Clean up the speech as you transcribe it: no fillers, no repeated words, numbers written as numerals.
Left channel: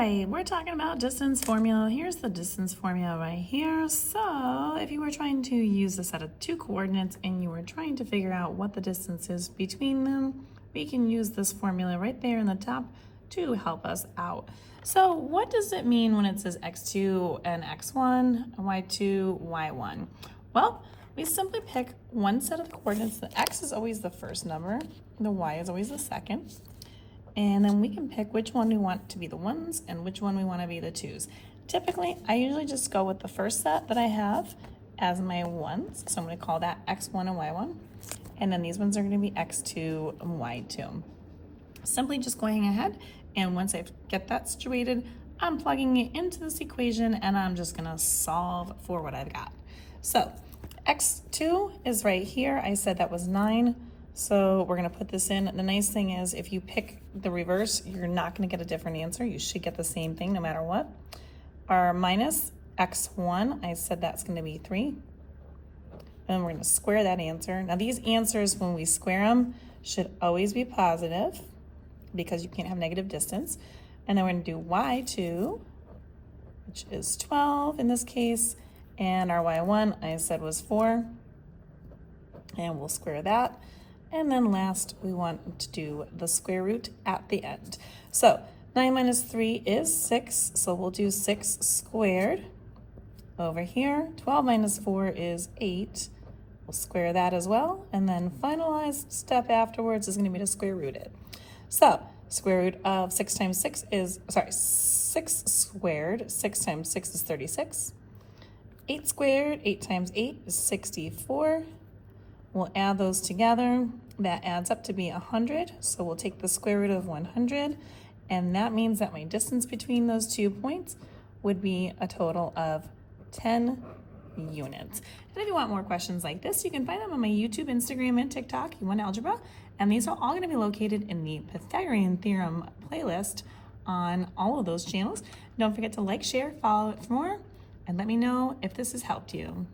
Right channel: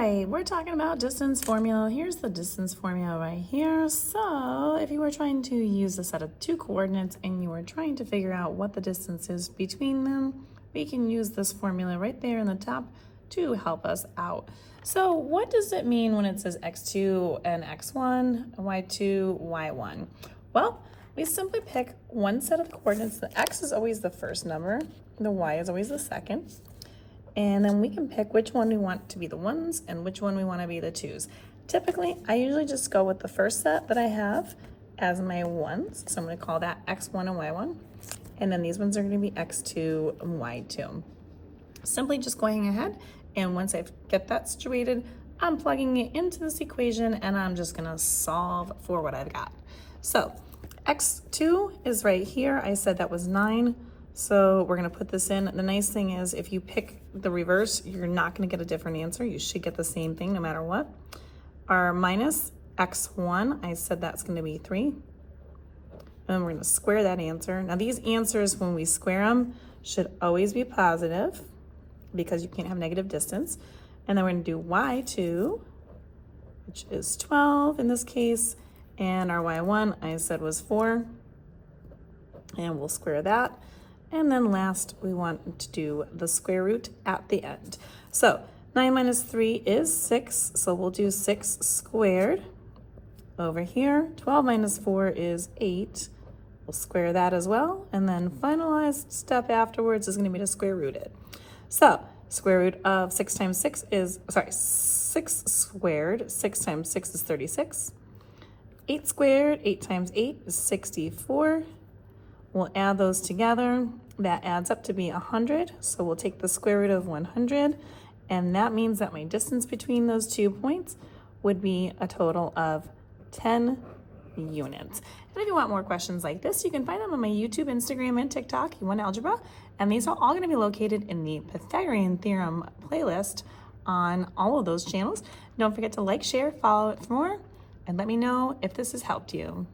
right, we're talking about distance formula. Here's the distance formula right here. So if you were trying to use a set of two coordinates and you were trying to figure out what the distance is between them, we can use this formula right there in the top to help us out. So what does it mean when it says x2 and x1, y2, y1? Well, we simply pick one set of the coordinates. The x is always the first number, the y is always the second. And then we can pick which one we want to be the ones and which one we want to be the twos. Typically, I usually just go with the first set that I have as my ones. So I'm going to call that x1 and y1. And then these ones are going to be x2 and y2. Simply just going ahead, and once I get that situated, I'm plugging it into this equation and I'm just going to solve for what I've got. So x2 is right here. I said that was 9. So we're gonna put this in. The nice thing is if you pick the reverse, you're not gonna get a different answer. You should get the same thing no matter what. Our minus x1, I said that's gonna be 3. And we're gonna square that answer. Now these answers, when we square them, should always be positive because you can't have negative distance. And then we're gonna do y2, which is 12 in this case. And our y1, I said was 4. And we'll square that. And then last, we want to do the square root at the end. So 9 minus 3 is 6, so we'll do 6 squared. Over here, 12 minus 4 is 8. We'll square that as well. And then finalized step afterwards is gonna be to square root it. So square root of 6 times 6 is, 6 squared, 6 times 6 is 36. 8 squared, 8 times 8 is 64. We'll add those together. That adds up to be 100. So we'll take the square root of 100. And that means that my distance between those 2 points would be a total of 10 units. And if you want more questions like this, you can find them on my YouTube, Instagram, and TikTok, You Want Algebra. And these are all going to be located in the Pythagorean Theorem playlist on all of those channels. Don't forget to like, share, follow it for more, and let me know if this has helped you.